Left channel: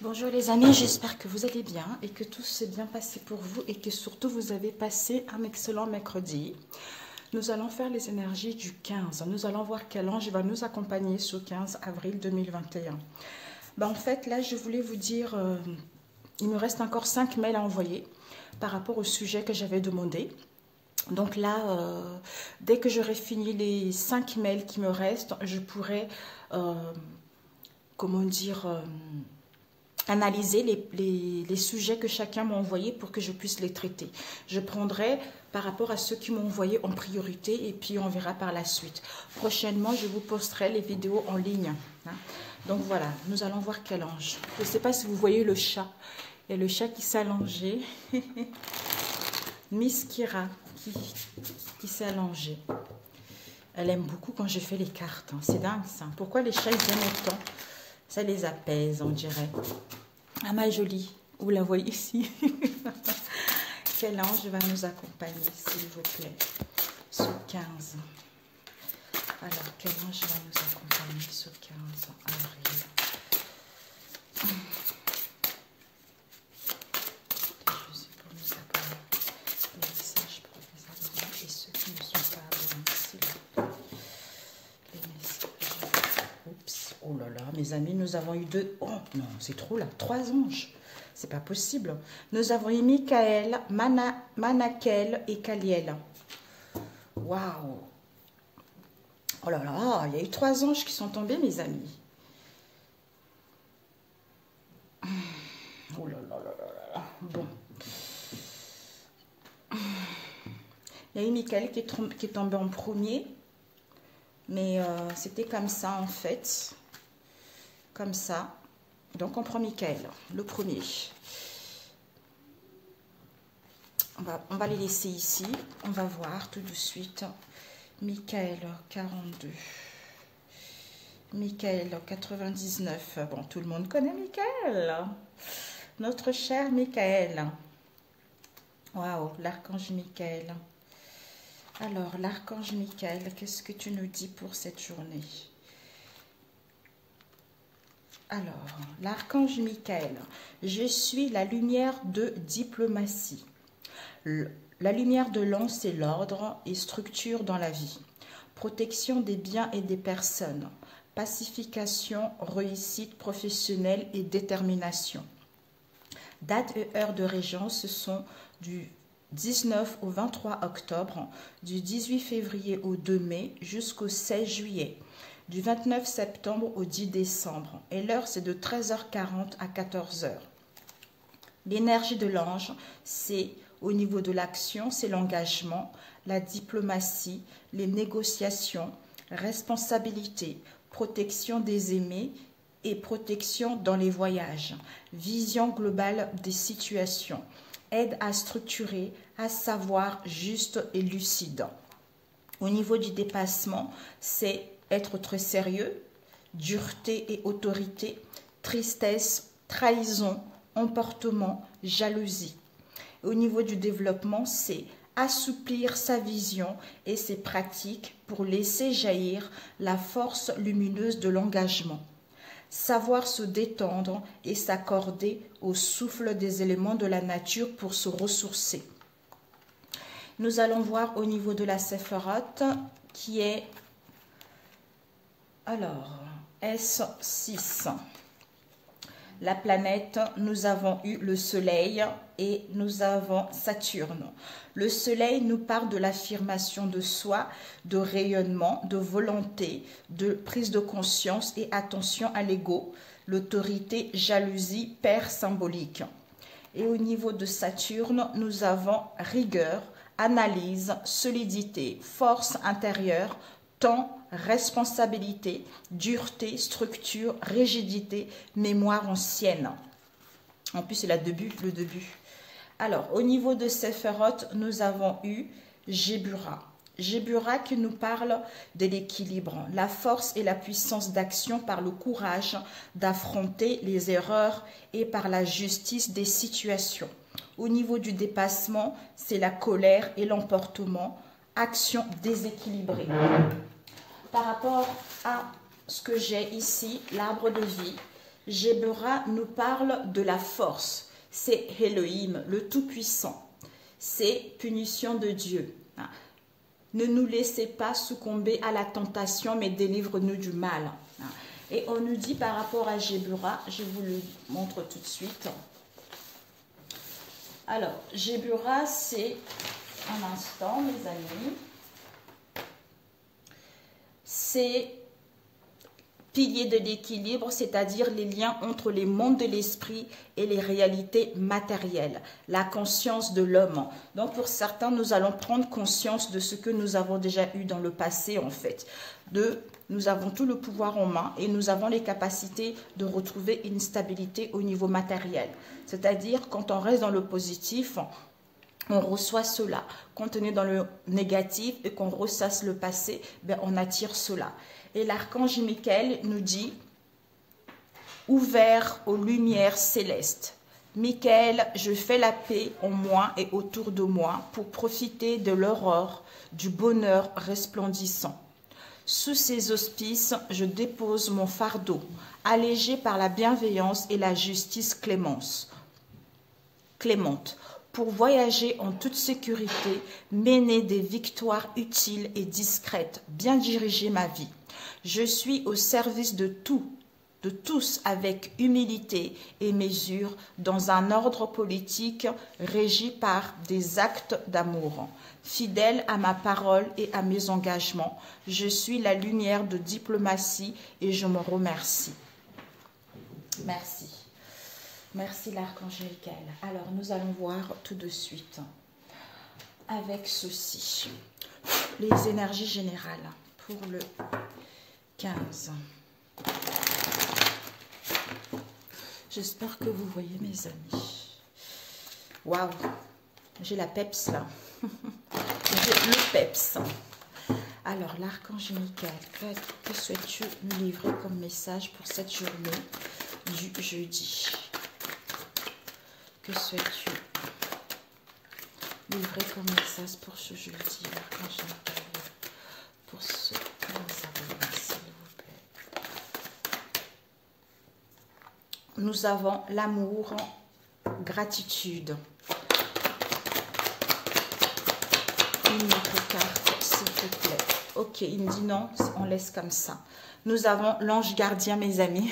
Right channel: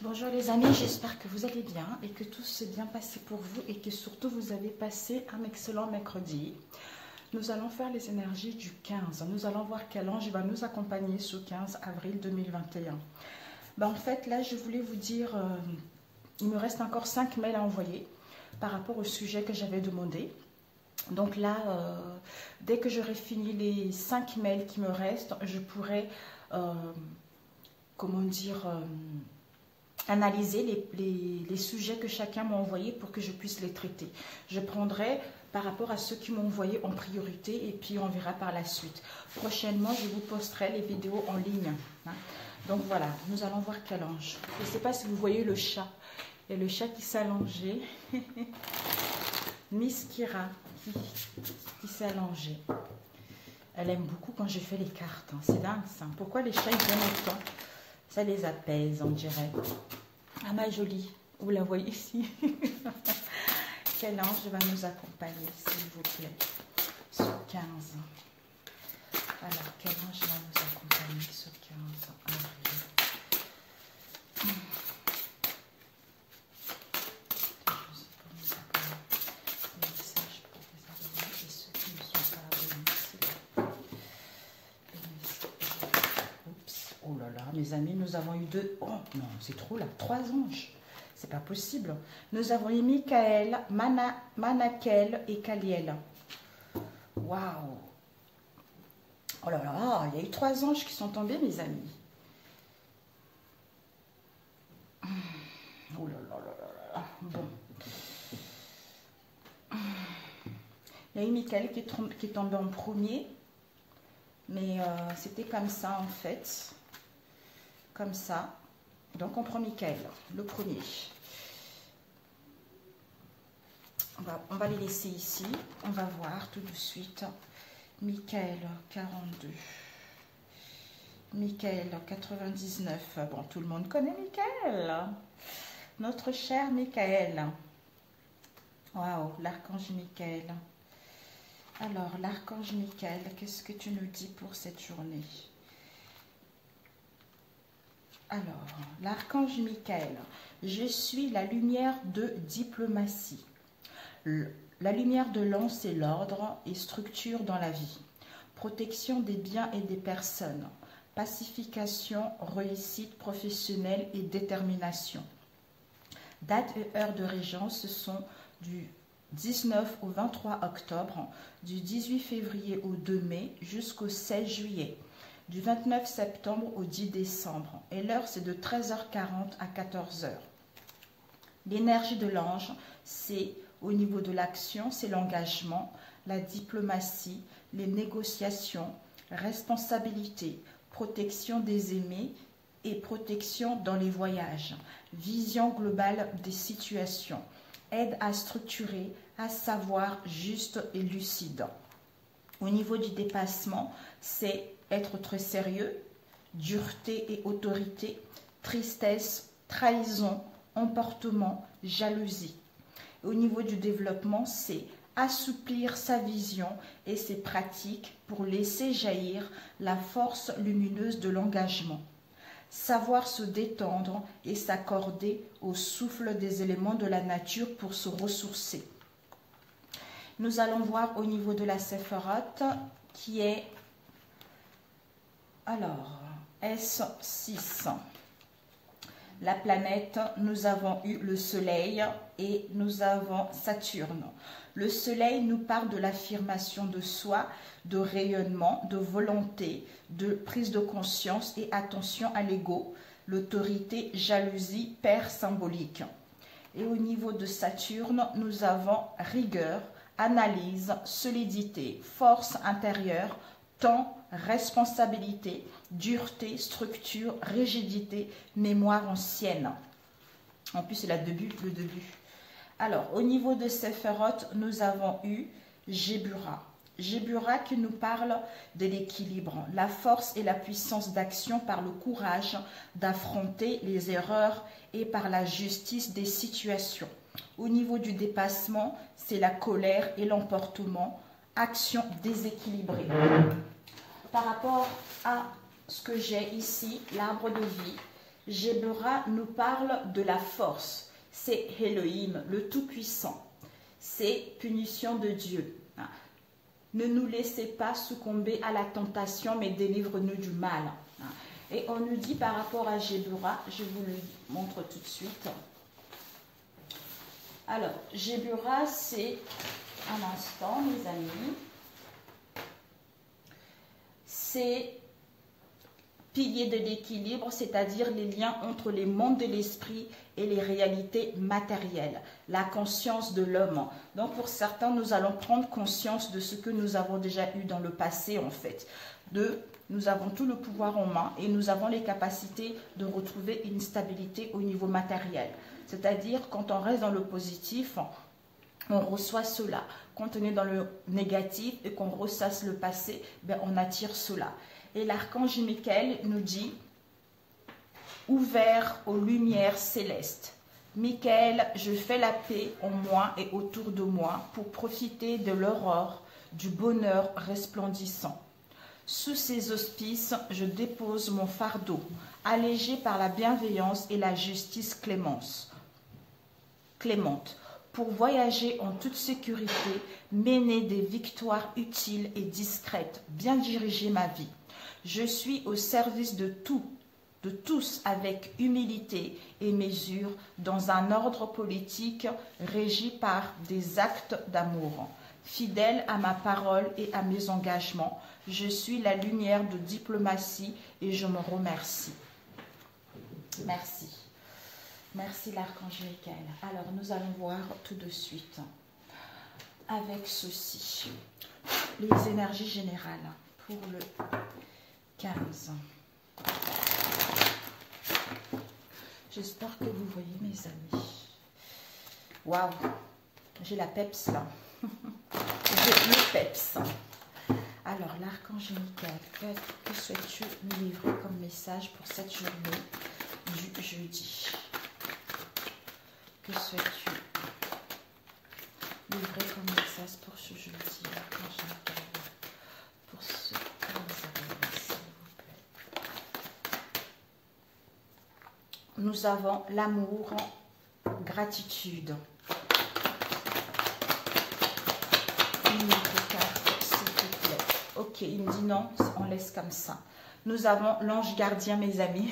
Bonjour les amis, j'espère que vous allez bien et que tout s'est bien passé pour vous et que surtout vous avez passé un excellent mercredi. Nous allons faire les énergies du 15. Nous allons voir quel ange va nous accompagner ce 15 avril 2021. En fait, là, je voulais vous dire, il me reste encore 5 mails à envoyer par rapport au sujet que j'avais demandé. Donc là, dès que j'aurai fini les 5 mails qui me restent, je pourrai, comment dire, analyser les sujets que chacun m'a envoyés pour que je puisse les traiter. Je prendrai par rapport à ceux qui m'ont envoyé en priorité et puis on verra par la suite. Prochainement, je vous posterai les vidéos en ligne. Donc voilà, nous allons voir quel ange. Je ne sais pas si vous voyez le chat. Il y a le chat qui s'est allongé. Miss Kira qui s'est allongée. Elle aime beaucoup quand je fais les cartes. C'est dingue ça. Pourquoi les chats ils aiment autant? Ça les apaise, on dirait. Ah ma jolie, vous la voyez ici. Quel ange va nous accompagner, s'il vous plaît, ce 15. Alors, quel ange va nous accompagner ce 15 avril? Oh là là, mes amis, nous avons eu deux... Oh non, c'est trop là, 3 anges. C'est pas possible. Nous avons eu Michael, Manakel et Kaliel. Waouh. Oh là là, il y a eu 3 anges qui sont tombés, mes amis. Oh là là là là là. Bon. Il y a eu Michael qui est tombé en premier. Mais c'était comme ça, en fait. Comme ça. Donc, on prend Michael, le premier. On va les laisser ici. On va voir tout de suite. Michael, 42. Michael, 99. Bon, tout le monde connaît Michael. Notre cher Michael. Waouh, l'archange Michael. Alors, l'archange Michael, qu'est-ce que tu nous dis pour cette journée? Alors, l'archange Michael, je suis la lumière de diplomatie. La lumière de l'an, c'est l'ordre et structure dans la vie. Protection des biens et des personnes. Pacification, réussite professionnelle et détermination. Date et heure de régence, ce sont du 19 au 23 octobre, du 18 février au 2 mai jusqu'au 16 juillet, du 29 septembre au 10 décembre. Et l'heure, c'est de 13h40 à 14h. L'énergie de l'ange, c'est au niveau de l'action, c'est l'engagement, la diplomatie, les négociations, responsabilité, protection des aimés et protection dans les voyages, vision globale des situations, aide à structurer, à savoir juste et lucide. Au niveau du dépassement, c'est être très sérieux, dureté et autorité, tristesse, trahison, emportement, jalousie. Au niveau du développement, c'est assouplir sa vision et ses pratiques pour laisser jaillir la force lumineuse de l'engagement. Savoir se détendre et s'accorder au souffle des éléments de la nature pour se ressourcer. Nous allons voir au niveau de la Séphiroth qui est, alors, S6. La planète, nous avons eu le Soleil et nous avons Saturne. Le Soleil nous parle de l'affirmation de soi, de rayonnement, de volonté, de prise de conscience et attention à l'ego, l'autorité, jalousie, père symbolique. Et au niveau de Saturne, nous avons rigueur, analyse, solidité, force intérieure, temps, responsabilité, dureté, structure, rigidité, mémoire ancienne. En plus, c'est le début. Alors, au niveau de Séphiroth, nous avons eu Jébura. Jébura qui nous parle de l'équilibre, la force et la puissance d'action par le courage d'affronter les erreurs et par la justice des situations. Au niveau du dépassement, c'est la colère et l'emportement, action déséquilibrée. par rapport à ce que j'ai ici, l'arbre de vie, Géburah nous parle de la force. C'est Elohim, le Tout-Puissant. C'est punition de Dieu. Ne nous laissez pas succomber à la tentation, mais délivre-nous du mal. Et on nous dit par rapport à Géburah, je vous le montre tout de suite. Alors, Géburah, c'est un instant, mes amis. C'est pilier de l'équilibre, c'est-à-dire les liens entre les mondes de l'esprit et les réalités matérielles, la conscience de l'homme. Donc pour certains, nous allons prendre conscience de ce que nous avons déjà eu dans le passé en fait. Nous avons tout le pouvoir en main et nous avons les capacités de retrouver une stabilité au niveau matériel. C'est-à-dire quand on reste dans le positif, on reçoit cela. Quand on est dans le négatif et qu'on ressasse le passé, ben on attire cela. Et l'archange Michael nous dit « Ouvert aux lumières célestes, Michael, je fais la paix en moi et autour de moi pour profiter de l'aurore, du bonheur resplendissant. Sous ces auspices, je dépose mon fardeau, allégé par la bienveillance et la justice clémente, pour voyager en toute sécurité, mener des victoires utiles et discrètes, bien diriger ma vie. Je suis au service de tous avec humilité et mesure dans un ordre politique régi par des actes d'amour. Fidèle à ma parole et à mes engagements, je suis la lumière de diplomatie et je me remercie. Merci. Merci l'archange Michael. Alors nous allons voir tout de suite avec ceci. Les énergies générales pour le 15. J'espère que vous voyez mes amis. Waouh, j'ai la peps là. J'ai le peps. Alors, l'archange Michael, que souhaites-tu nous livrer comme message pour cette journée du jeudi? Que souhaites-tu livrer comme message pour ce jeudi, l'archange Michael? Pour ce 15 avril, s'il vous plaît. Nous avons l'amour, gratitude. Une autre carte, s'il te plaît. Ok, il me dit non, on laisse comme ça. Nous avons l'ange gardien, mes amis,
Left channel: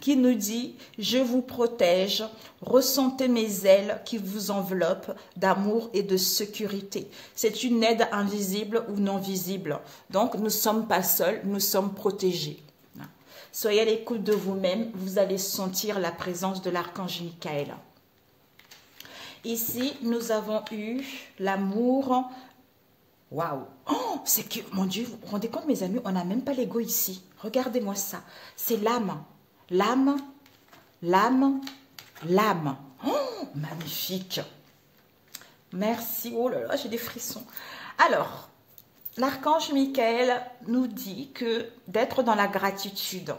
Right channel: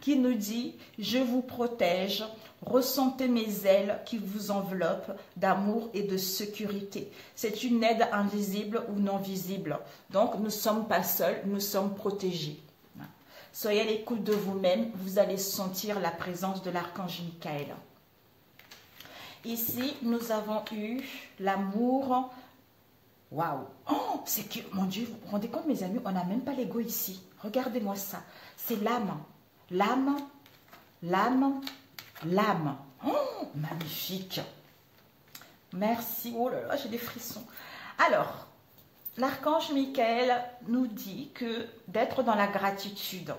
qui nous dit « Je vous protège, ressentez mes ailes qui vous enveloppent d'amour et de sécurité. » C'est une aide invisible ou non visible. Donc, nous ne sommes pas seuls, nous sommes protégés. Soyez à l'écoute de vous-même, vous allez sentir la présence de l'archange Michael. Ici, nous avons eu l'amour. Waouh! Oh, c'est que, mon Dieu, vous vous rendez compte, mes amis, on n'a même pas l'ego ici. Regardez-moi ça. C'est l'âme. L'âme, l'âme, l'âme. Oh, magnifique. Merci. Oh là là, j'ai des frissons. Alors, l'archange Michael nous dit que d'être dans la gratitude,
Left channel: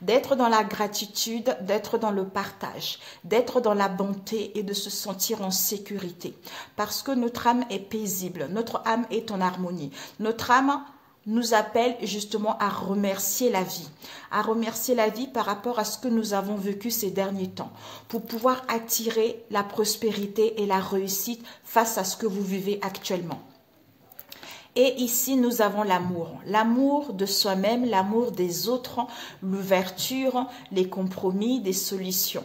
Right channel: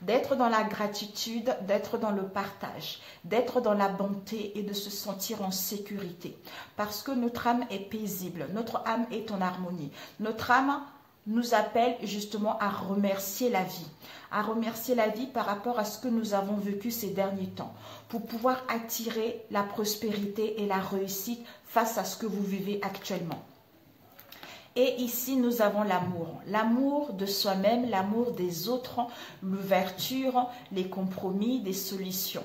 d'être dans la gratitude, d'être dans le partage, d'être dans la bonté et de se sentir en sécurité. Parce que notre âme est paisible, notre âme est en harmonie. Notre âme nous appelle justement à remercier la vie par rapport à ce que nous avons vécu ces derniers temps, pour pouvoir attirer la prospérité et la réussite face à ce que vous vivez actuellement. Et ici, nous avons l'amour. L'amour de soi-même, l'amour des autres, l'ouverture, les compromis, des solutions.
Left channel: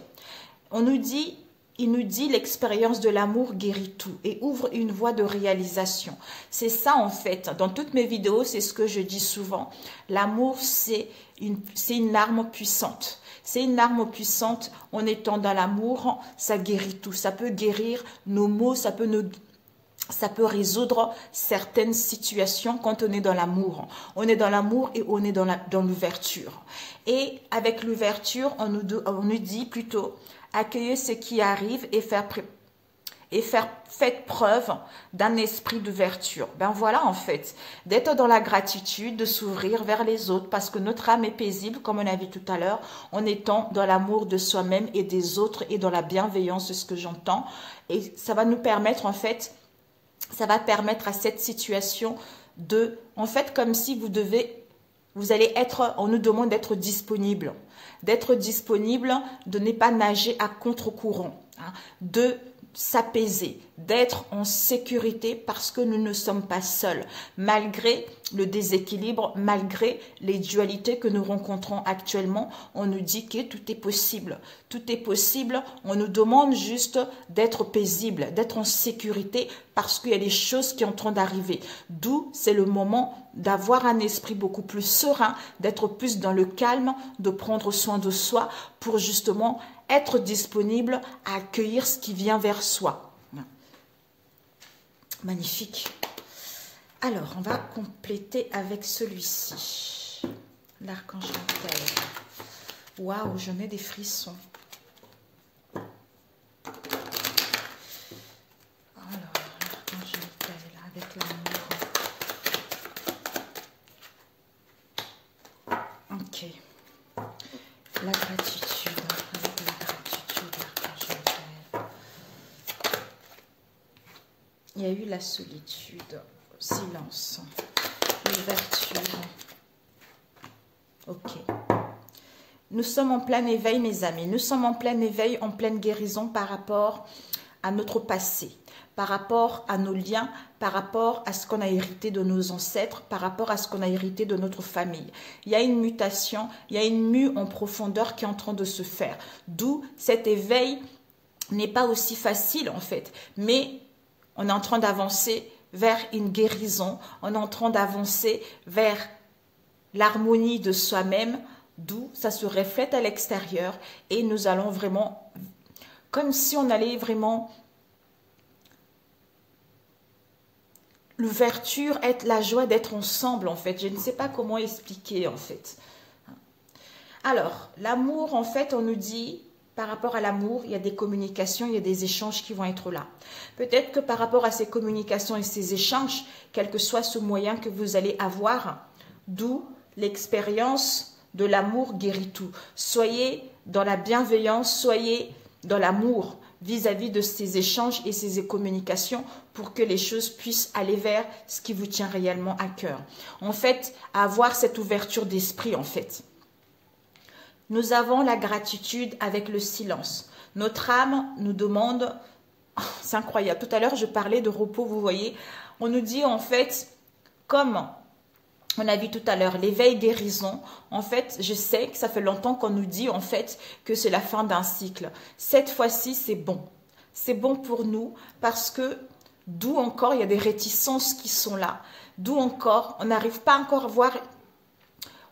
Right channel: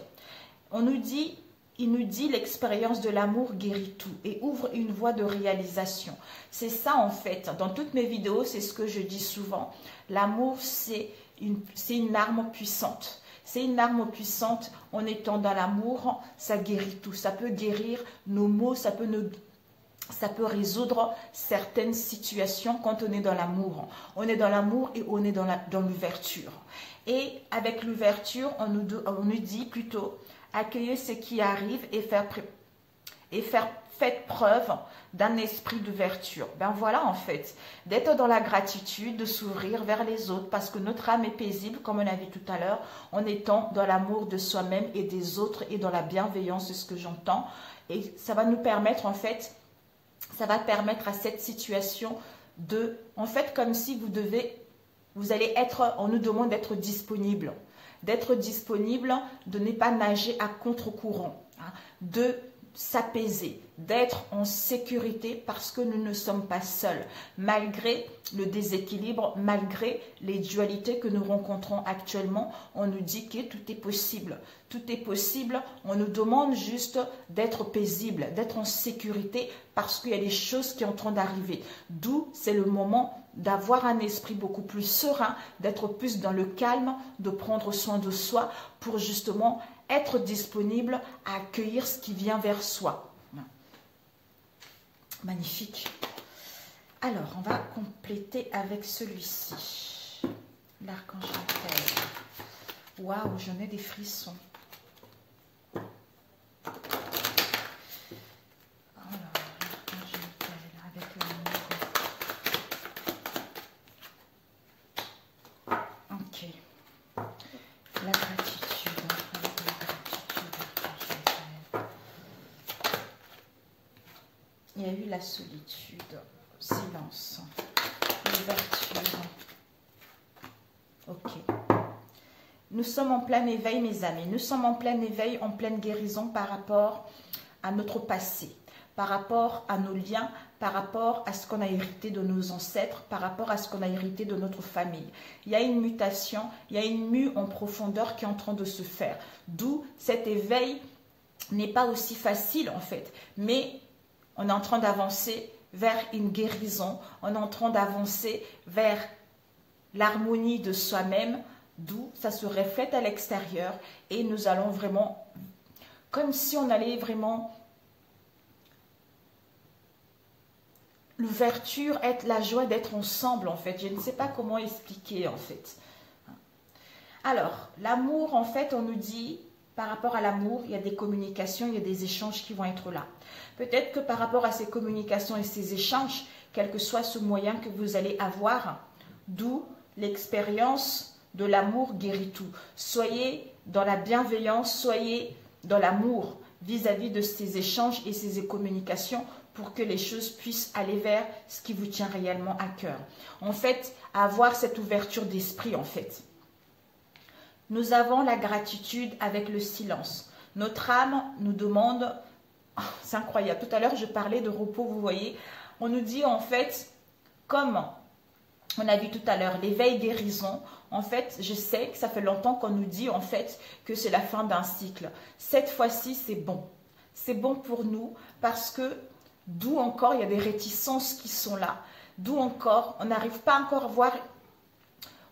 Il nous dit l'expérience de l'amour guérit tout et ouvre une voie de réalisation. C'est ça en fait. Dans toutes mes vidéos, c'est ce que je dis souvent. L'amour, c'est une arme puissante. C'est une arme puissante. En étant dans l'amour, ça guérit tout. Ça peut guérir nos maux, ça peut résoudre certaines situations quand on est dans l'amour. On est dans l'amour et on est dans l'ouverture. Et avec l'ouverture, on nous dit plutôt accueillez ce qui arrive et faites preuve d'un esprit d'ouverture. Ben voilà en fait, d'être dans la gratitude, de s'ouvrir vers les autres parce que notre âme est paisible, comme on a vu tout à l'heure, en étant dans l'amour de soi-même et des autres et dans la bienveillance, c'est ce que j'entends. Et ça va nous permettre en fait, ça va permettre à cette situation en fait, comme si vous allez être, on nous demande d'être disponible, de ne pas nager à contre-courant, hein, de s'apaiser, d'être en sécurité parce que nous ne sommes pas seuls, malgré le déséquilibre, malgré les dualités que nous rencontrons actuellement. On nous dit que tout est possible. Tout est possible. On nous demande juste d'être paisible, d'être en sécurité parce qu'il y a des choses qui sont en train d'arriver. D'où c'est le moment d'avoir un esprit beaucoup plus serein, d'être plus dans le calme, de prendre soin de soi pour justement être disponible à accueillir ce qui vient vers soi. Magnifique. Alors, on va compléter avec celui-ci. L'archange Raphaël. Waouh, j'en ai des frissons. Alors, l'archange Raphaël avec l'amour. Ok. La gratitude. Il y a eu la solitude, silence, l'ouverture. Ok. Nous sommes en plein éveil, mes amis. Nous sommes en plein éveil, en pleine guérison par rapport à notre passé, par rapport à nos liens, par rapport à ce qu'on a hérité de nos ancêtres, par rapport à ce qu'on a hérité de notre famille. Il y a une mutation, il y a une mue en profondeur qui est en train de se faire. D'où cet éveil n'est pas aussi facile en fait, mais on est en train d'avancer vers une guérison, on est en train d'avancer vers l'harmonie de soi-même, d'où ça se reflète à l'extérieur et nous allons vraiment, comme si on allait vraiment, l'ouverture, être la joie d'être ensemble en fait. Je ne sais pas comment expliquer en fait. Alors, l'amour en fait, on nous dit, par rapport à l'amour, il y a des communications, il y a des échanges qui vont être là. Peut-être que par rapport à ces communications et ces échanges, quel que soit ce moyen que vous allez avoir, d'où l'expérience de l'amour guérit tout. Soyez dans la bienveillance, soyez dans l'amour vis-à-vis de ces échanges et ces communications pour que les choses puissent aller vers ce qui vous tient réellement à cœur. En fait, avoir cette ouverture d'esprit en fait. Nous avons la gratitude avec le silence. Notre âme nous demande, c'est incroyable, tout à l'heure je parlais de repos, vous voyez, on nous dit en fait, comme on a vu tout à l'heure, l'éveil guérison, en fait, je sais que ça fait longtemps qu'on nous dit en fait que c'est la fin d'un cycle. Cette fois-ci, c'est bon. C'est bon pour nous parce que d'où encore il y a des réticences qui sont là. D'où encore, on n'arrive pas encore à voir...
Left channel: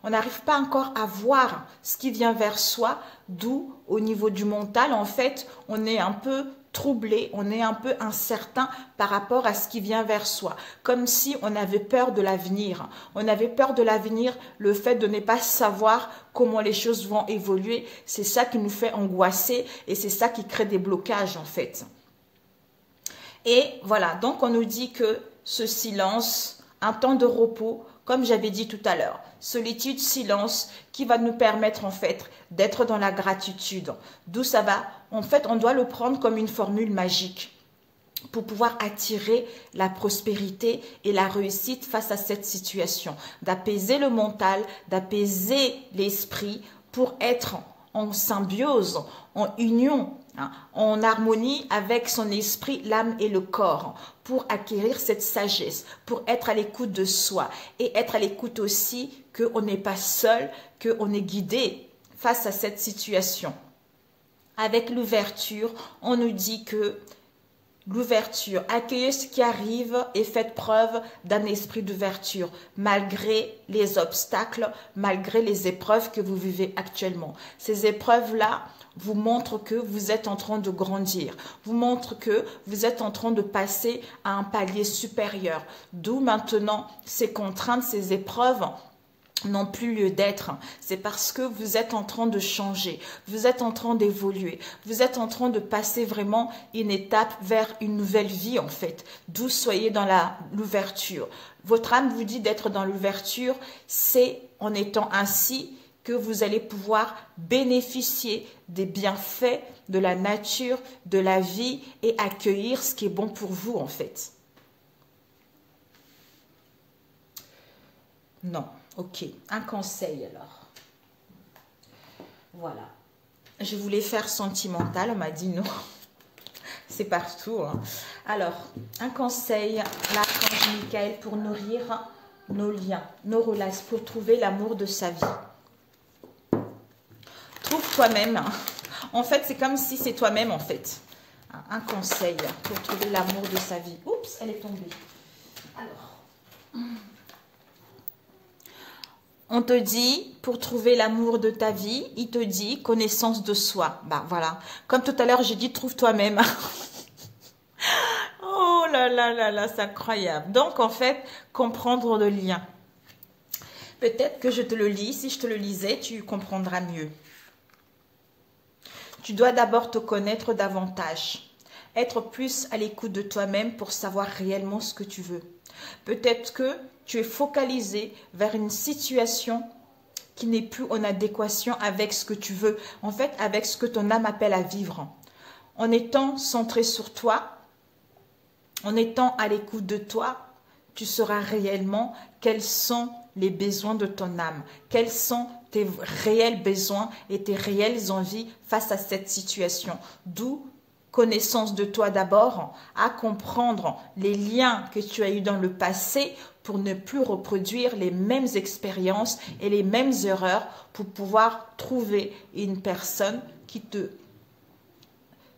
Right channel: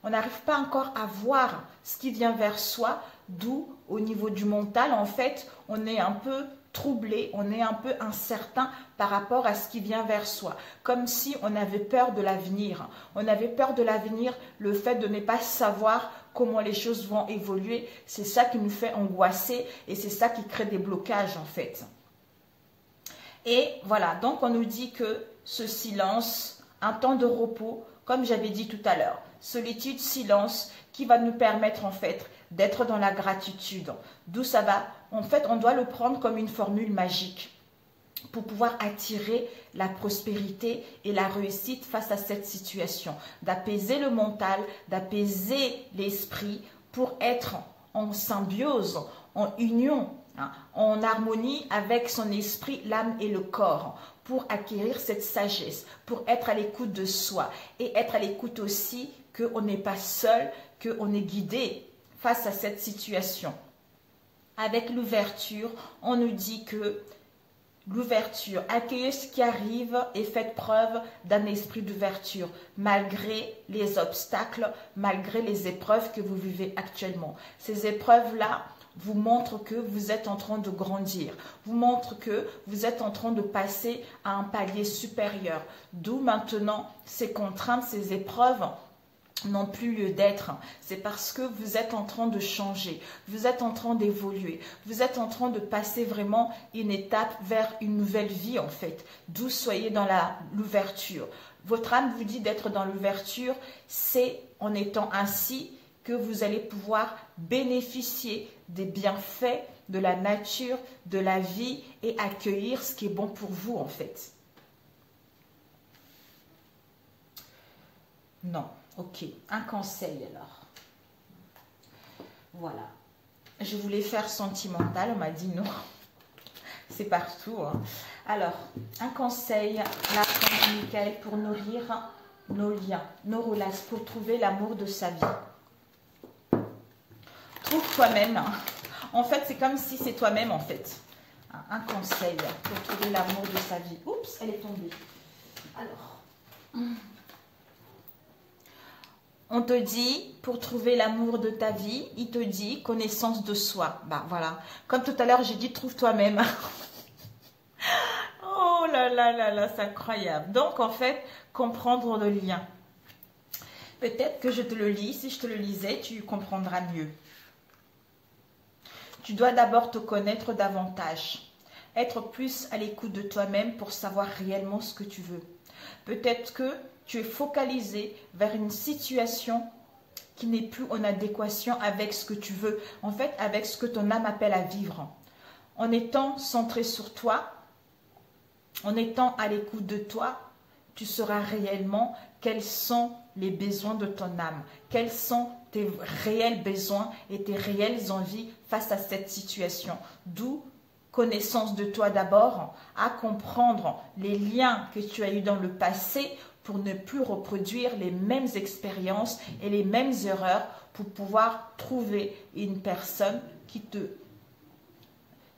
On n'arrive pas encore à voir ce qui vient vers soi, d'où au niveau du mental, en fait, on est un peu troublé, on est un peu incertain par rapport à ce qui vient vers soi. Comme si on avait peur de l'avenir. On avait peur de l'avenir, le fait de ne pas savoir comment les choses vont évoluer. C'est ça qui nous fait angoisser et c'est ça qui crée des blocages, en fait. Et voilà, donc on nous dit que ce silence, un temps de repos, comme j'avais dit tout à l'heure, solitude, silence, qui va nous permettre en fait d'être dans la gratitude. D'où ça va? En fait, on doit le prendre comme une formule magique pour pouvoir attirer la prospérité et la réussite face à cette situation. D'apaiser le mental, d'apaiser l'esprit pour être en symbiose, en union, hein, en harmonie avec son esprit, l'âme et le corps, pour acquérir cette sagesse, pour être à l'écoute de soi et être à l'écoute aussi qu'on n'est pas seul, qu'on est guidé face à cette situation. Avec l'ouverture, on nous dit que l'ouverture, accueillez ce qui arrive et faites preuve d'un esprit d'ouverture, malgré les obstacles, malgré les épreuves que vous vivez actuellement. Ces épreuves-là vous montrent que vous êtes en train de grandir, vous montrent que vous êtes en train de passer à un palier supérieur. D'où maintenant ces contraintes, ces épreuves n'ont plus lieu d'être. C'est parce que vous êtes en train de changer, vous êtes en train d'évoluer, vous êtes en train de passer vraiment une étape vers une nouvelle vie en fait. D'où soyez dans l'ouverture. Votre âme vous dit d'être dans l'ouverture, c'est en étant ainsi que vous allez pouvoir bénéficier des bienfaits de la nature, de la vie et accueillir ce qui est bon pour vous en fait. Non. Ok. Un conseil alors. Voilà. Je voulais faire sentimental. On m'a dit non. C'est partout. Hein. Alors, un conseil, l'archange Michael, pour nourrir nos liens, nos relations, pour trouver l'amour de sa vie. Trouve toi-même. En fait, c'est comme si c'est toi-même, en fait. Un conseil pour trouver l'amour de sa vie. Oups, elle est tombée. Alors, on te dit, pour trouver l'amour de ta vie, il te dit connaissance de soi. Bah voilà. Comme tout à l'heure, j'ai dit trouve toi-même. Oh là là là là, c'est incroyable. Donc, en fait, comprendre le lien. Peut-être que je te le lis. Si je te le lisais, tu comprendras mieux. Tu dois d'abord te connaître davantage. Être plus à l'écoute de toi-même pour savoir réellement ce que tu veux. Peut-être que tu es focalisé vers une situation qui n'est plus en adéquation avec ce que tu veux. En fait, avec ce que ton âme appelle à vivre. En étant centré sur toi, en étant à l'écoute de toi, tu sauras réellement quels sont les besoins de ton âme, quels sont tes réels besoins et tes réelles envies face à cette situation. D'où connaissance de toi d'abord, à comprendre les liens que tu as eus dans le passé pour ne plus reproduire les mêmes expériences et les mêmes erreurs pour pouvoir trouver une personne qui te...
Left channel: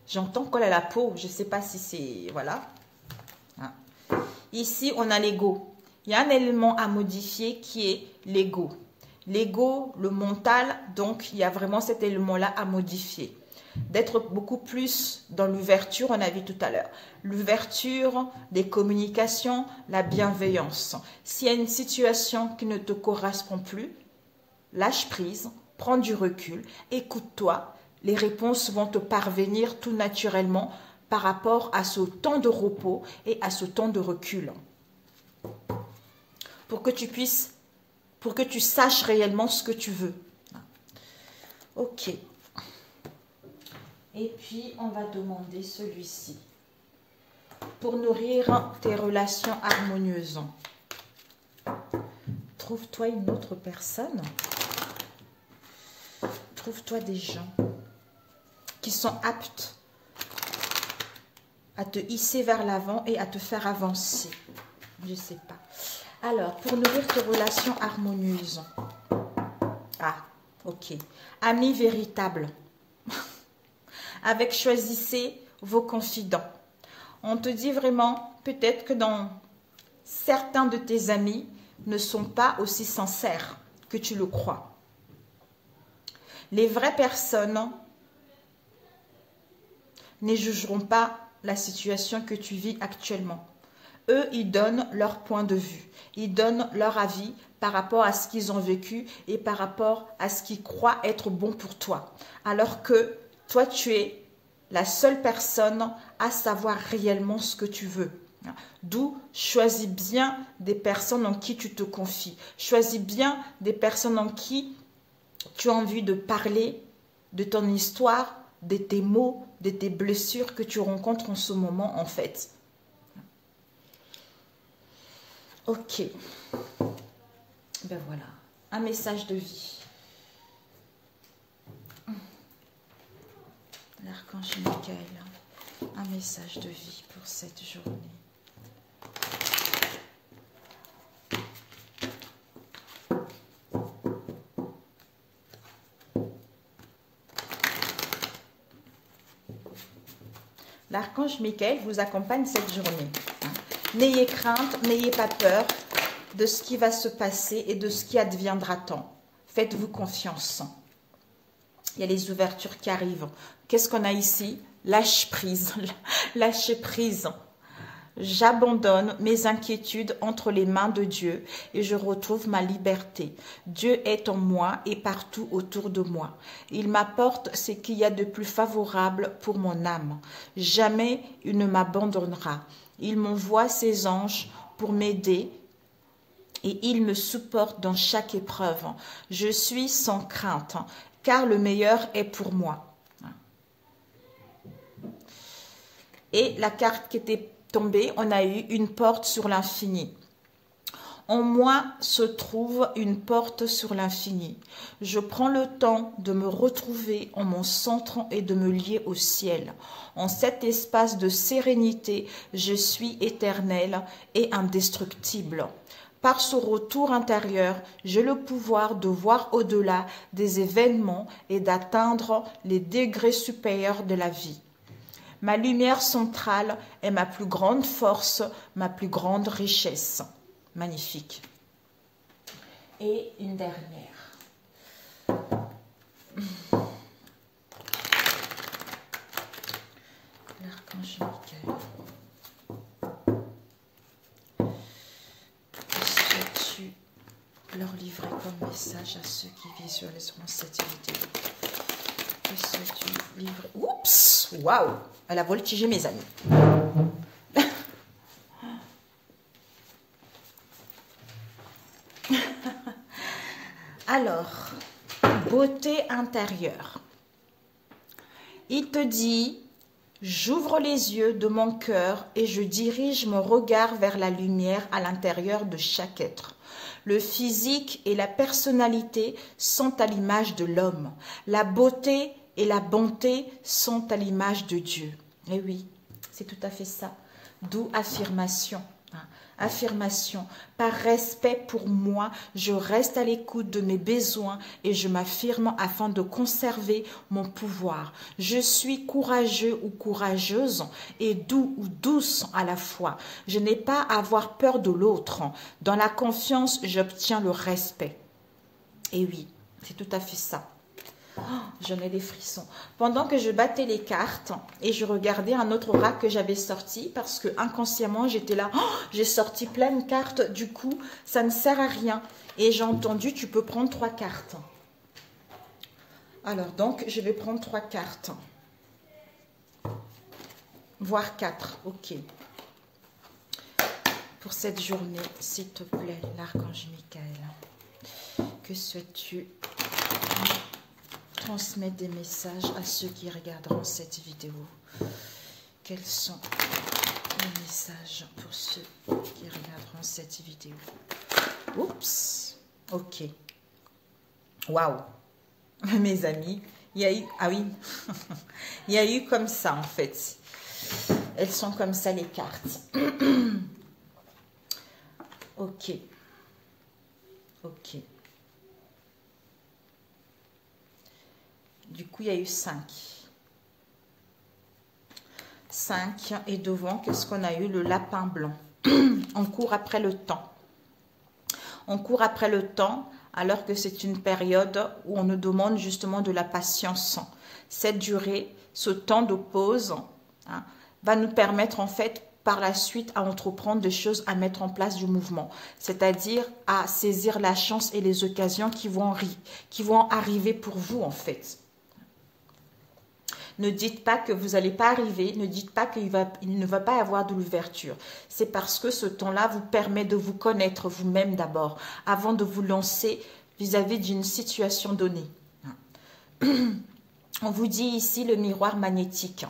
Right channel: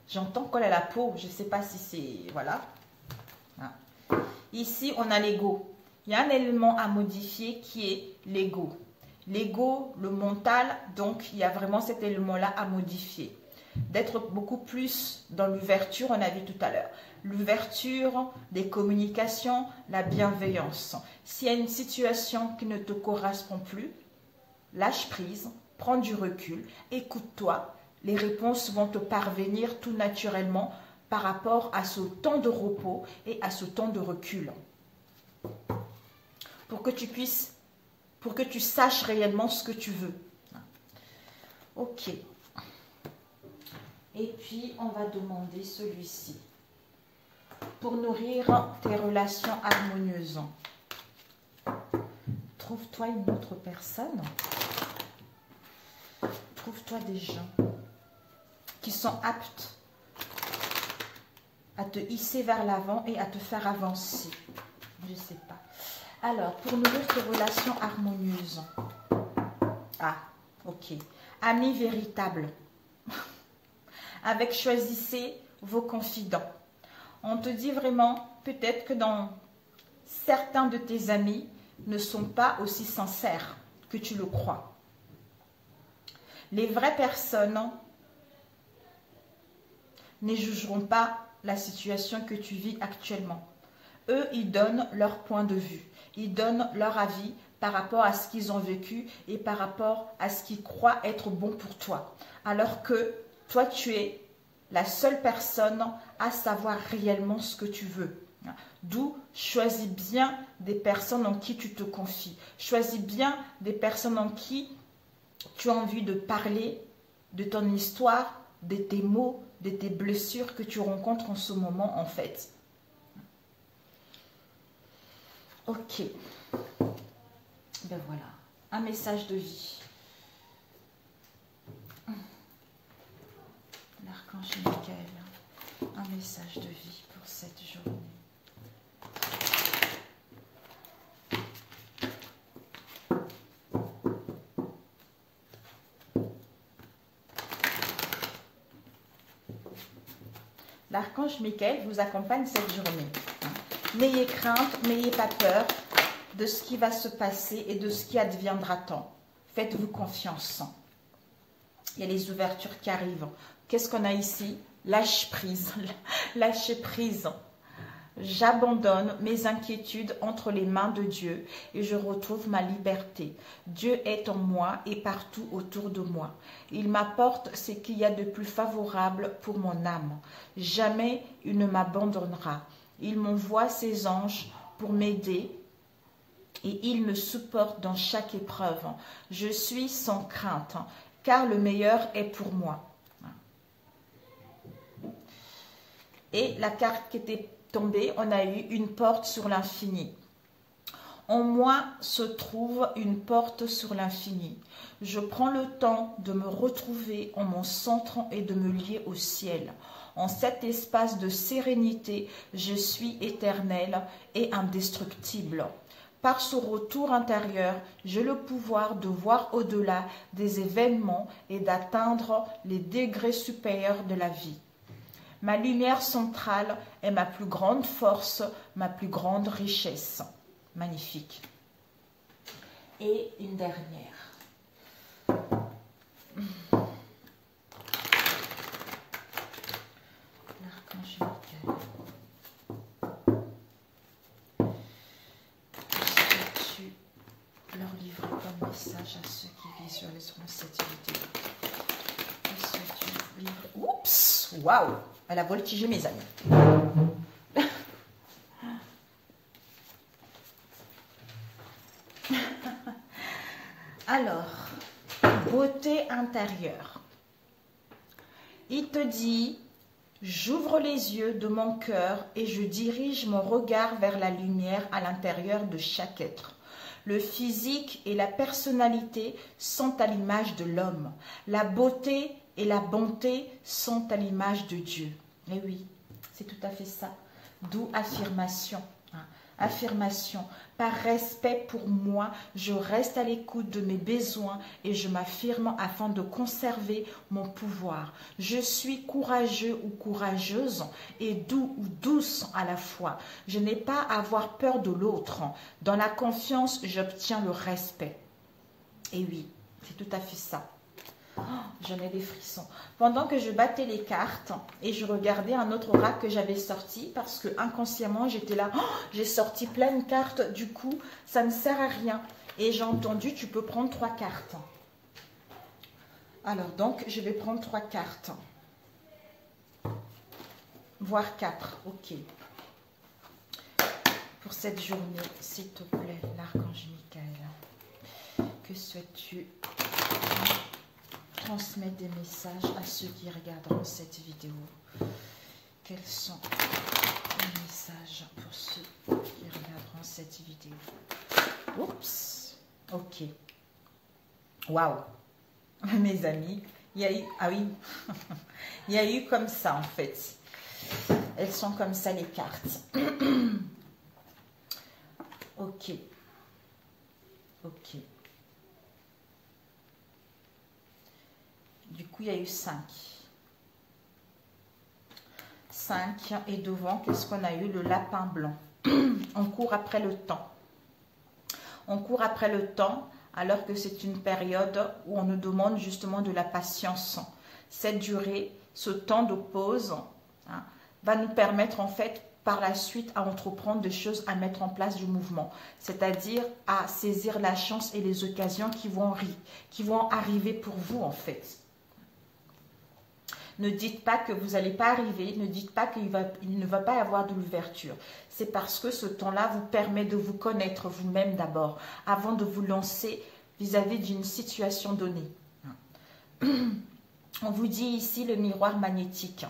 J'entends colle à la peau, je ne sais pas si c'est... Voilà. Ici, on a l'ego. Il y a un élément à modifier qui est l'ego. L'ego, le mental, donc il y a vraiment cet élément-là à modifier. D'être beaucoup plus dans l'ouverture, on a vu tout à l'heure. L'ouverture des communications, la bienveillance. S'il y a une situation qui ne te correspond plus, lâche prise, prends du recul, écoute-toi. Les réponses vont te parvenir tout naturellement par rapport à ce temps de repos et à ce temps de recul. Pour que tu puisses, pour que tu saches réellement ce que tu veux. Ok. Et puis, on va demander celui-ci. Pour nourrir tes relations harmonieuses. Trouve-toi une autre personne. Trouve-toi des gens qui sont aptes à te hisser vers l'avant et à te faire avancer. Je ne sais pas. Alors, pour nourrir tes relations harmonieuses. Ah, ok. Amis véritables. Avec choisissez vos confidents. On te dit vraiment, peut-être que dans certains de tes amis ne sont pas aussi sincères que tu le crois. Les vraies personnes ne jugeront pas la situation que tu vis actuellement. Eux, ils donnent leur point de vue. Ils donnent leur avis par rapport à ce qu'ils ont vécu et par rapport à ce qu'ils croient être bon pour toi. Alors que toi, tu es la seule personne à savoir réellement ce que tu veux. D'où, choisis bien des personnes en qui tu te confies. Choisis bien des personnes en qui tu as envie de parler de ton histoire, de tes maux, de tes blessures que tu rencontres en ce moment, en fait. Ok. Ben voilà. Un message de vie. L'archange Michael. Un message de vie pour cette journée. L'archange Michael vous accompagne cette journée. N'ayez crainte, n'ayez pas peur de ce qui va se passer et de ce qui adviendra tant. Faites-vous confiance. Il y a les ouvertures qui arrivent. Qu'est-ce qu'on a ici? Lâche prise. Lâchez prise. J'abandonne mes inquiétudes entre les mains de Dieu et je retrouve ma liberté. Dieu est en moi et partout autour de moi. Il m'apporte ce qu'il y a de plus favorable pour mon âme. Jamais il ne m'abandonnera. Il m'envoie ses anges pour m'aider et il me supporte dans chaque épreuve. Je suis sans crainte car le meilleur est pour moi. Et la carte qui était tombée, on a eu une porte sur l'infini. En moi se trouve une porte sur l'infini. Je prends le temps de me retrouver en mon centre et de me lier au ciel. En cet espace de sérénité, je suis éternel et indestructible. Par ce retour intérieur, j'ai le pouvoir de voir au-delà des événements et d'atteindre les degrés supérieurs de la vie. Ma lumière centrale est ma plus grande force, ma plus grande richesse. Magnifique. Et une dernière. L'archange Michael. Souhaites-tu leur livrer comme message à ceux qui visualiseront cette vidéo? Que souhaites-tu livrer? Oups! Waouh! Elle a voltigé mes amis. Alors, beauté intérieure. Il te dit, j'ouvre les yeux de mon cœur et je dirige mon regard vers la lumière à l'intérieur de chaque être. Le physique et la personnalité sont à l'image de l'homme. La beauté et la bonté sont à l'image de Dieu. Et oui, c'est tout à fait ça. D'où affirmation. Affirmation. Par respect pour moi, je reste à l'écoute de mes besoins et je m'affirme afin de conserver mon pouvoir. Je suis courageux ou courageuse et doux ou douce à la fois. Je n'ai pas à avoir peur de l'autre. Dans la confiance, j'obtiens le respect. Et oui, c'est tout à fait ça. Oh, j'en ai des frissons. Pendant que je battais les cartes et je regardais un autre oracle que j'avais sorti parce que inconsciemment j'étais là, oh, j'ai sorti plein de cartes, du coup ça ne sert à rien. Et j'ai entendu, tu peux prendre 3 cartes. Alors donc je vais prendre 3 cartes. Voire 4, ok. Pour cette journée, s'il te plaît, l'archange Michael, que souhaites-tu transmettre des messages à ceux qui regarderont cette vidéo? Quels sont les messages pour ceux qui regarderont cette vidéo? Oups, ok. Waouh, mes amis, il y a eu, ah oui, il y a eu comme ça en fait. Elles sont comme ça les cartes. Ok, ok. Du coup, il y a eu 5. 5. Et devant, qu'est-ce qu'on a eu? Le lapin blanc. On court après le temps. On court après le temps alors que c'est une période où on nous demande justement de la patience. Cette durée, ce temps de pause, hein, va nous permettre en fait par la suite à entreprendre des choses, à mettre en place du mouvement. C'est-à-dire à saisir la chance et les occasions qui vont arriver pour vous en fait. Ne dites pas que vous n'allez pas arriver, ne dites pas qu'il ne va pas y avoir de l'ouverture. C'est parce que ce temps-là vous permet de vous connaître vous-même d'abord, avant de vous lancer vis-à-vis d'une situation donnée. On vous dit ici le miroir magnétique.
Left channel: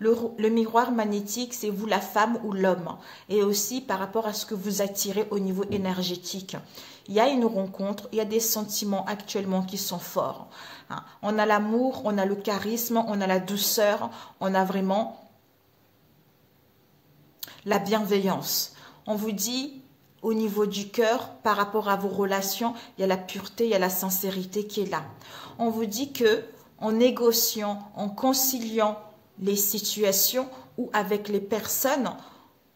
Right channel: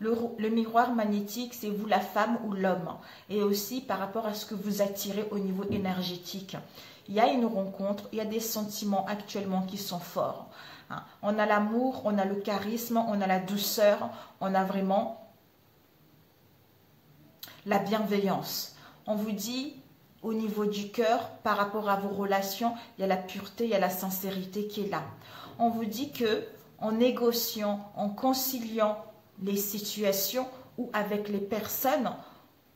Le miroir magnétique, c'est vous la femme ou l'homme. Et aussi par rapport à ce que vous attirez au niveau énergétique. Il y a une rencontre, il y a des sentiments actuellement qui sont forts. On a l'amour, on a le charisme, on a la douceur, on a vraiment la bienveillance. On vous dit au niveau du cœur, par rapport à vos relations, il y a la pureté, il y a la sincérité qui est là. On vous dit que en négociant, en conciliant les situations ou avec les personnes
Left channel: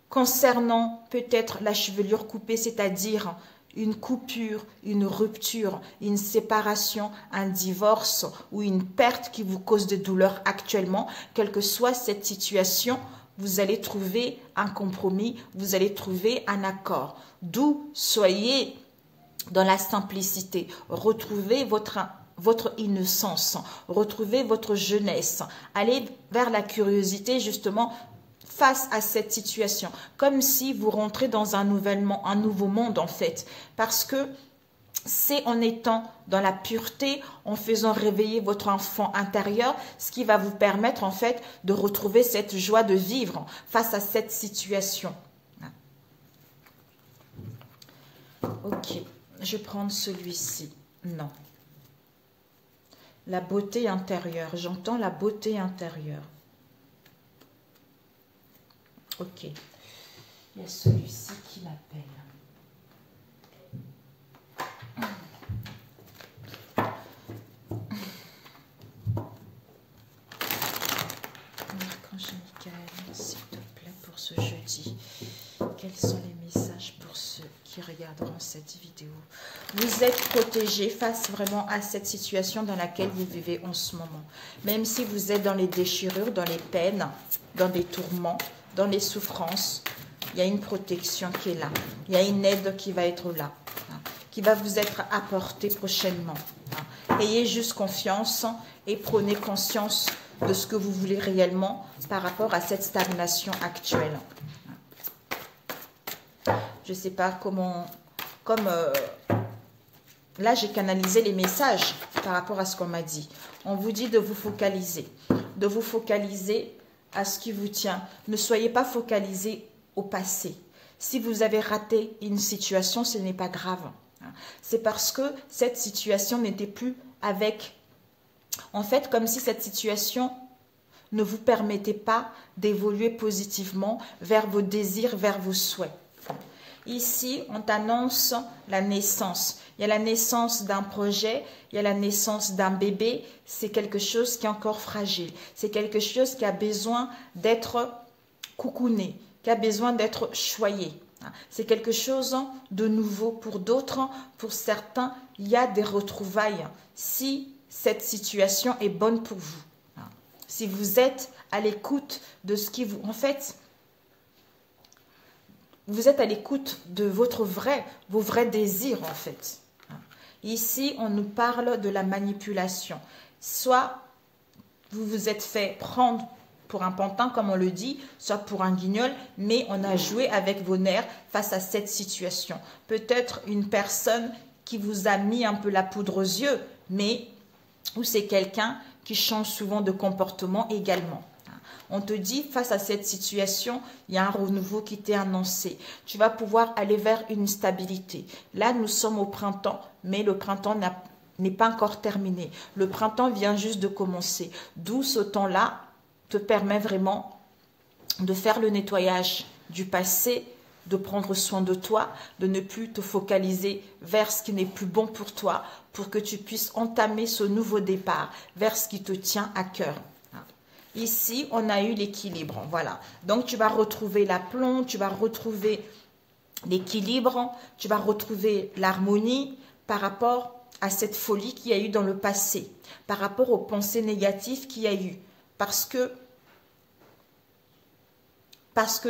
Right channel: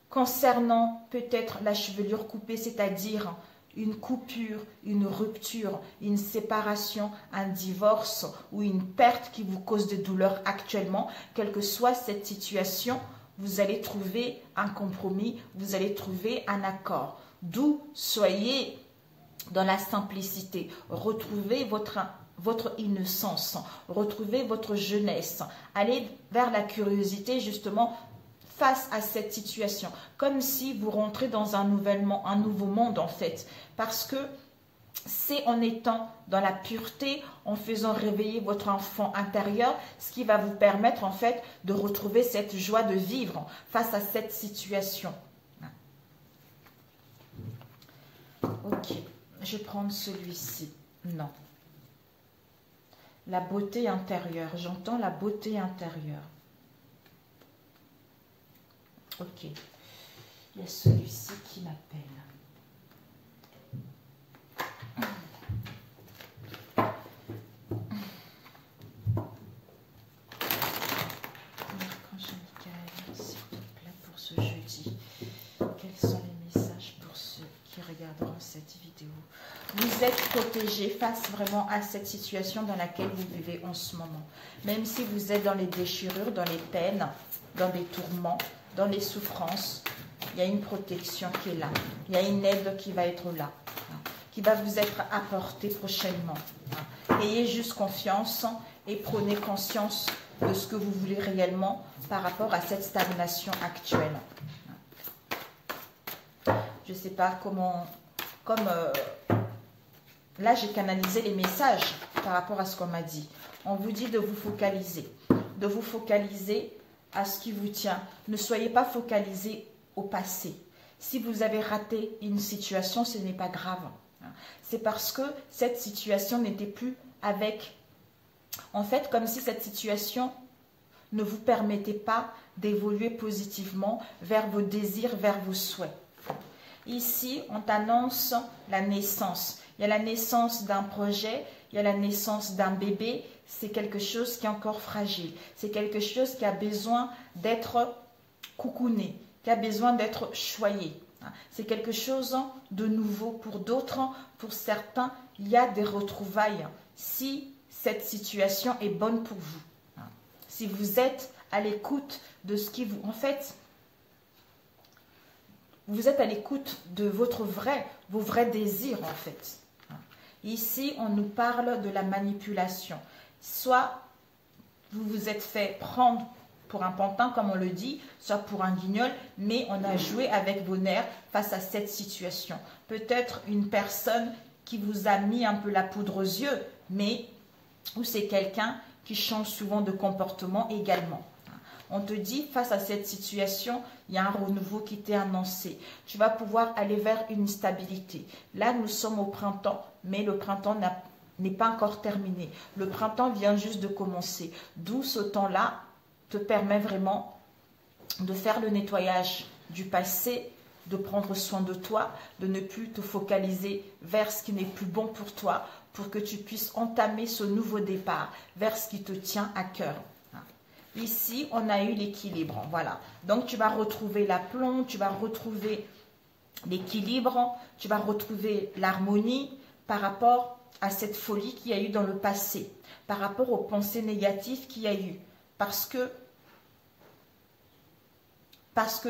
concernant peut-être la chevelure coupée, c'est-à-dire une coupure, une rupture, une séparation, un divorce ou une perte qui vous cause des douleurs actuellement, quelle que soit cette situation, vous allez trouver un compromis, vous allez trouver un accord. D'où soyez dans la simplicité, retrouvez votre innocence, retrouvez votre jeunesse, allez vers la curiosité justement face à cette situation, comme si vous rentrez dans un nouveau monde en fait, parce que c'est en étant dans la pureté, en faisant réveiller votre enfant intérieur, ce qui va vous permettre en fait de retrouver cette joie de vivre face à cette situation. Ok, je vais prendre celui-ci. Non. La beauté intérieure. J'entends la beauté intérieure. Ok. Il y a celui-ci qui m'appelle. Archange Michael, s'il te plaît, pour ce jeudi. Quels sont les messages pour ceux qui regarderont cette vidéo? Vous êtes protégés face vraiment à cette situation dans laquelle vous vivez en ce moment. Même si vous êtes dans les déchirures, dans les peines, dans des tourments, dans les souffrances, il y a une protection qui est là. Il y a une aide qui va être là, qui va vous être apportée prochainement. Ayez juste confiance et prenez conscience de ce que vous voulez réellement par rapport à cette stagnation actuelle. Je ne sais pas comment... Là, j'ai canalisé les messages par rapport à ce qu'on m'a dit. On vous dit de vous focaliser à ce qui vous tient. Ne soyez pas focalisé au passé. Si vous avez raté une situation, ce n'est pas grave. C'est parce que cette situation n'était plus avec... En fait, comme si cette situation ne vous permettait pas d'évoluer positivement vers vos désirs, vers vos souhaits. Ici, on t'annonce la naissance. Il y a la naissance d'un projet, il y a la naissance d'un bébé. C'est quelque chose qui est encore fragile. C'est quelque chose qui a besoin d'être coucouné, qui a besoin d'être choyé. C'est quelque chose de nouveau pour d'autres. Pour certains, il y a des retrouvailles si cette situation est bonne pour vous. Si vous êtes à l'écoute de ce qui vous... En fait, vous êtes à l'écoute de vos vrais désirs, en fait. Ici, on nous parle de la manipulation. Soit vous vous êtes fait prendre pour un pantin, comme on le dit, soit pour un guignol, mais on a joué avec vos nerfs face à cette situation. Peut-être une personne qui vous a mis un peu la poudre aux yeux, mais ou c'est quelqu'un qui change souvent de comportement également. On te dit, face à cette situation, il y a un renouveau qui t'est annoncé. Tu vas pouvoir aller vers une stabilité. Là, nous sommes au printemps, mais le printemps n'est pas encore terminé. Le printemps vient juste de commencer. D'où ce temps-là te permet vraiment de faire le nettoyage du passé, de prendre soin de toi, de ne plus te focaliser vers ce qui n'est plus bon pour toi, pour que tu puisses entamer ce nouveau départ vers ce qui te tient à cœur. Ici, on a eu l'équilibre, voilà. Donc, tu vas retrouver l'aplomb, tu vas retrouver l'équilibre, tu vas retrouver l'harmonie par rapport à cette folie qu'il y a eu dans le passé, par rapport aux pensées négatives qu'il y a eu. Parce que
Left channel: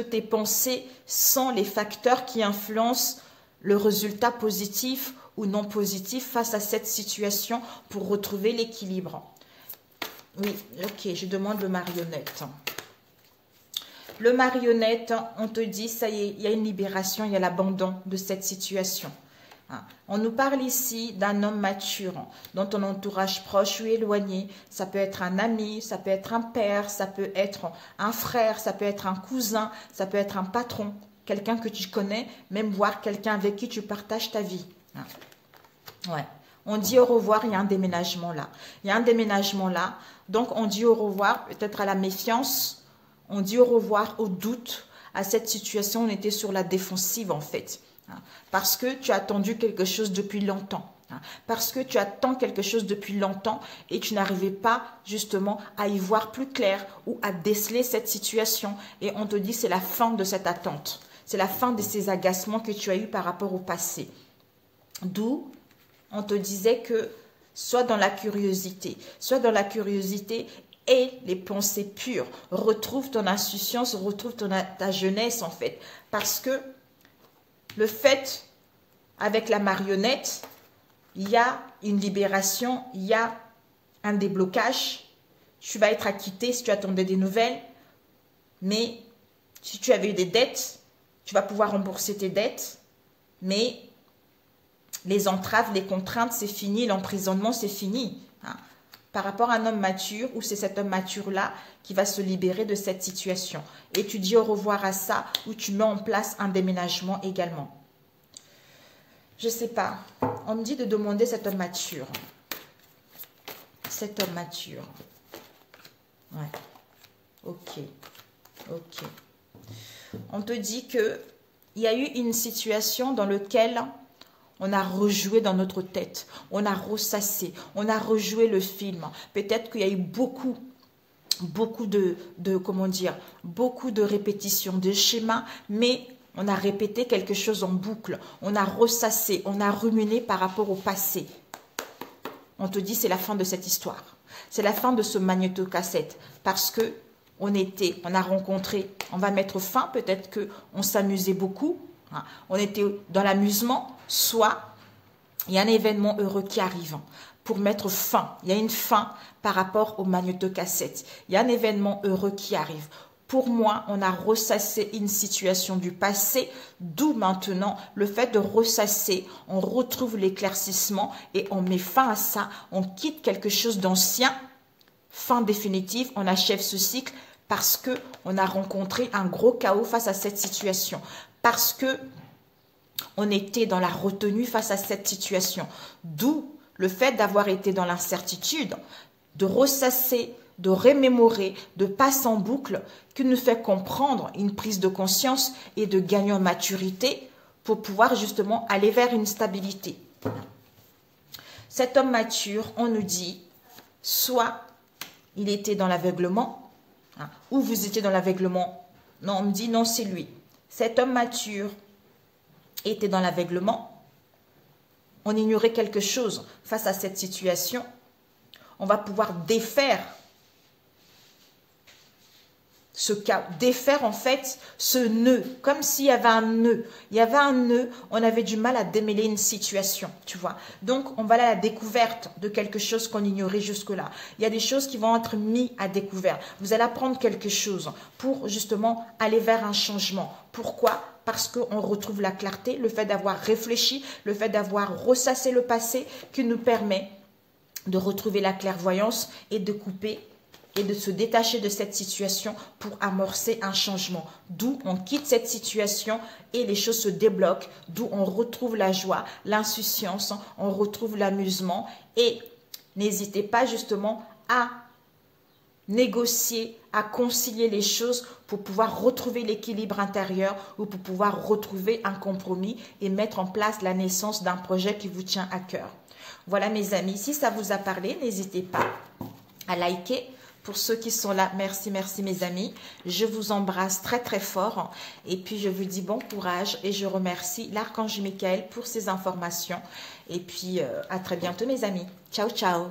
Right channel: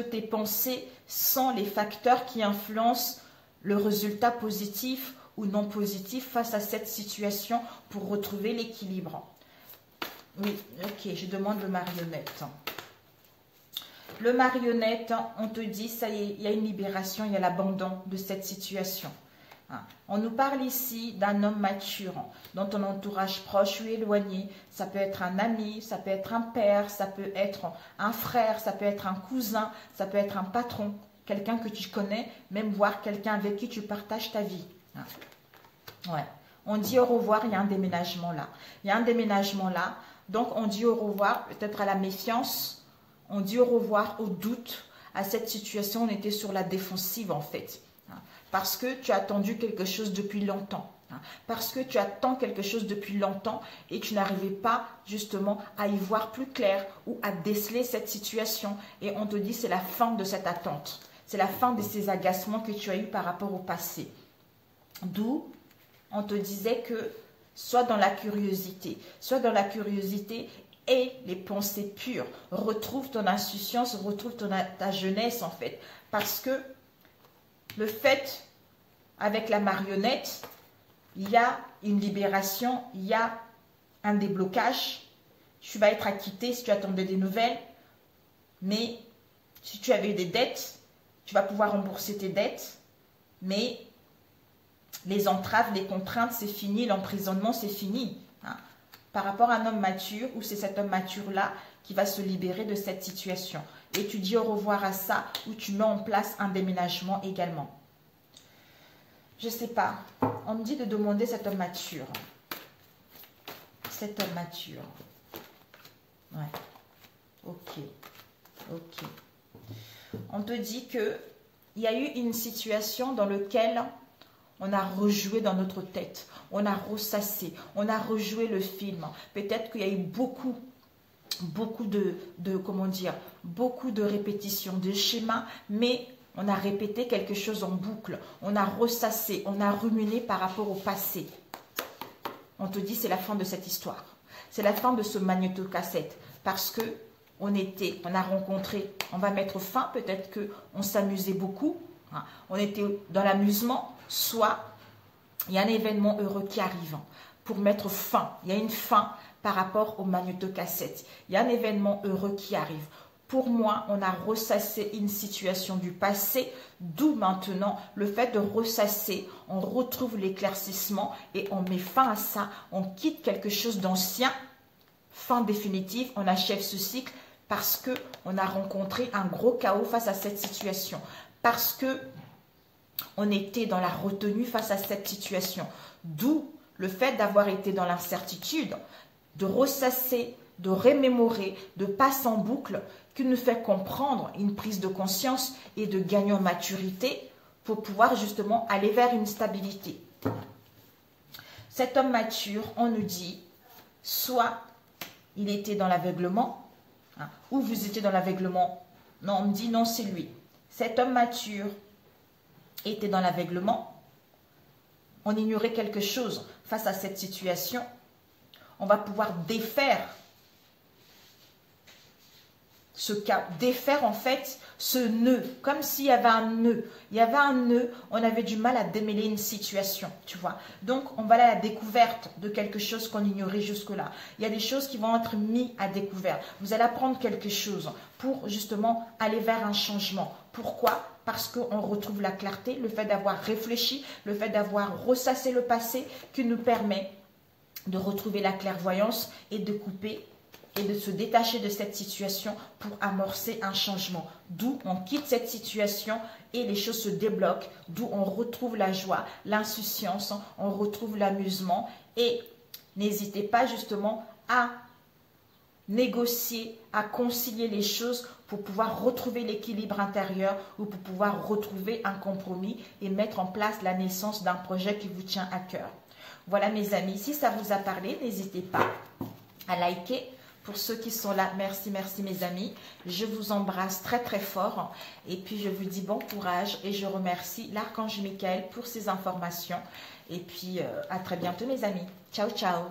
tes pensées sont les facteurs qui influencent le résultat positif ou non positif face à cette situation pour retrouver l'équilibre. Oui, ok, je demande le marionnette. Le marionnette, on te dit, ça y est, il y a une libération, il y a l'abandon de cette situation. On nous parle ici d'un homme mature, dont ton entourage proche ou éloigné. Ça peut être un ami, ça peut être un père, ça peut être un frère, ça peut être un cousin, ça peut être un patron, quelqu'un que tu connais, même voir quelqu'un avec qui tu partages ta vie. Ouais. On dit au revoir, il y a un déménagement là. Il y a un déménagement là. Donc, on dit au revoir peut-être à la méfiance. On dit au revoir au doute. À cette situation, on était sur la défensive en fait. Parce que tu as attendu quelque chose depuis longtemps. Parce que tu attends quelque chose depuis longtemps et tu n'arrivais pas justement à y voir plus clair ou à déceler cette situation. Et on te dit c'est la fin de cette attente. C'est la fin de ces agacements que tu as eus par rapport au passé. D'où on te disait que soit dans la curiosité et les pensées pures. Retrouve ton insouciance, retrouve ta jeunesse en fait. Parce que le fait, avec la marionnette, il y a une libération, il y a un déblocage. Tu vas être acquitté si tu attendais des nouvelles. Mais si tu avais eu des dettes, tu vas pouvoir rembourser tes dettes. Mais les entraves, les contraintes, c'est fini. L'emprisonnement, c'est fini. Par rapport à un homme mature, ou c'est cet homme mature-là qui va se libérer de cette situation. Et tu dis au revoir à ça, ou tu mets en place un déménagement également. Je ne sais pas. On me dit de demander cet homme mature. Cet homme mature. Ouais. Ok. Ok. On te dit que il y a eu une situation dans laquelle on a rejoué dans notre tête. On a ressassé. On a rejoué le film. Peut-être qu'il y a eu beaucoup de comment dire, beaucoup de répétitions, de schémas, mais on a répété quelque chose en boucle. On a ressassé, on a ruminé par rapport au passé. On te dit c'est la fin de cette histoire. C'est la fin de ce magnétocassette parce que on a rencontré, on va mettre fin, peut-être qu'on s'amusait beaucoup, hein, on était dans l'amusement, soit il y a un événement heureux qui arrive pour mettre fin. Il y a une fin par rapport au magnétocassette. Il y a un événement heureux qui arrive. Pour moi, on a ressassé une situation du passé, d'où maintenant le fait de ressasser, on retrouve l'éclaircissement et on met fin à ça, on quitte quelque chose d'ancien, fin définitive, on achève ce cycle parce qu'on a rencontré un gros chaos face à cette situation, parce que on était dans la retenue face à cette situation, d'où le fait d'avoir été dans l'incertitude, de ressasser, de remémorer, de passer en boucle, qui nous fait comprendre une prise de conscience et de gagner en maturité pour pouvoir justement aller vers une stabilité. Cet homme mature, on nous dit, soit il était dans l'aveuglement, hein, ou vous étiez dans l'aveuglement. Non, on me dit non, c'est lui. Cet homme mature était dans l'aveuglement. On ignorait quelque chose face à cette situation. On va pouvoir défaire ce cas, défaire en fait ce nœud, comme s'il y avait un nœud. Il y avait un nœud, on avait du mal à démêler une situation, tu vois. Donc, on va aller à la découverte de quelque chose qu'on ignorait jusque-là. Il y a des choses qui vont être mises à découvert. Vous allez apprendre quelque chose pour justement aller vers un changement. Pourquoi ? Parce qu'on retrouve la clarté, le fait d'avoir réfléchi, le fait d'avoir ressassé le passé qui nous permet de retrouver la clairvoyance et de couper et de se détacher de cette situation pour amorcer un changement. D'où on quitte cette situation et les choses se débloquent, d'où on retrouve la joie, l'insouciance, on retrouve l'amusement et n'hésitez pas justement à négocier, à concilier les choses pour pouvoir retrouver l'équilibre intérieur ou pour pouvoir retrouver un compromis et mettre en place la naissance d'un projet qui vous tient à cœur. Voilà mes amis, si ça vous a parlé, n'hésitez pas à liker. Pour ceux qui sont là, merci, merci mes amis. Je vous embrasse très très fort et puis je vous dis bon courage et je remercie l'archange Michael pour ces informations. Et puis à très bientôt mes amis. Ciao, ciao.